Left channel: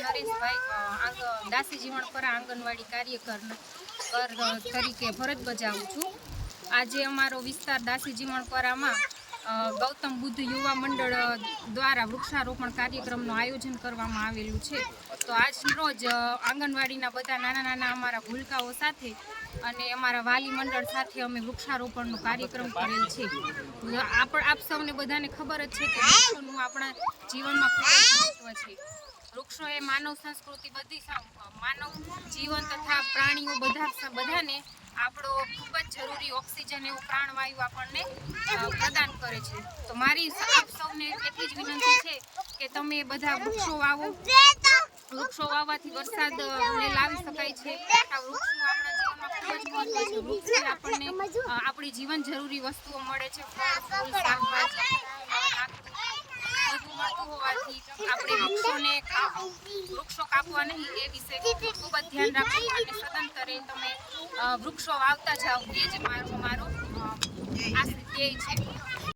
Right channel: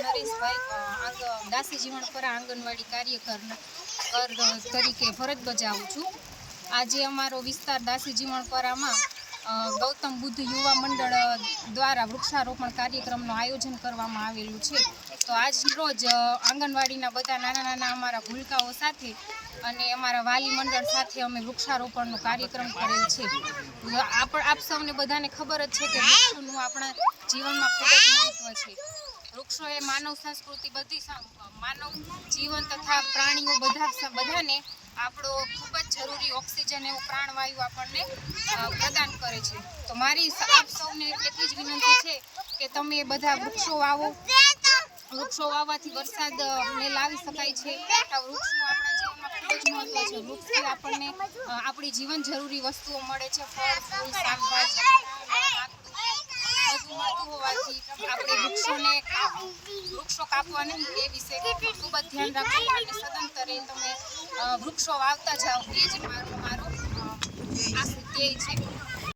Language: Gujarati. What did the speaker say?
નરેશભાઈ દાસી જીવણપરા આંગણવાડી કાર્યકર તરીકે ફરજ બજાવું છું। આજે અમારો વિસ્તાર દાસી જીવણપરામાં ગૌતમ બુદ્ધ યુવા મંડળ દ્વારા વૃક્ષારોપણ કાર્યક્રમનું આયોજન કરવામાં આવેલું છે। તો આજ રોજ આંગણવાડીના બધા નાના નાના અમારા ભૂલકાઓ સાથે અને અમારા વાલી મંડળ સાથે અમે વૃક્ષારોપણનો કાર્યક્રમ કરેલ છે। આપ સૌને બધાને ખબર જ છે કે વૃક્ષોનું આપણા જીવનમાં ખૂબ જ મહત્વ છે। વૃક્ષો એ માનવ સંસ્કૃતિ માનવ જીવન તથા પ્રાણીઓ બધાને આપણો ખૂબ જ જરૂરી ઓક્સિજન એવો પ્રાણવાયુ આપણને પ્રદાન કરે છે। તો મારી આપ સૌને એટલી જ વિનંતી છે કે તમે બધા વૃક્ષો વાવો। વૃક્ષો વાવવાથી વરસાદને લાવી શકાય છે। આ વૃક્ષનું આપણા જીવનમાં ખૂબ જ મહત્વ છે। વૃક્ષથી આપણને આપણી જીવન જરૂરી વસ્તુઓ મળે છે, ફળ ફૂલ શાકભાજી બધું મળતું હોવાથી આપણે વૃક્ષો કાપવા નહીં એ વિશે ખૂબ જ ધ્યાન રાખવું અને સદંતરે તમે વૃક્ષો વાવતા જાઓ, એ જ મારો ધ્યેય છે।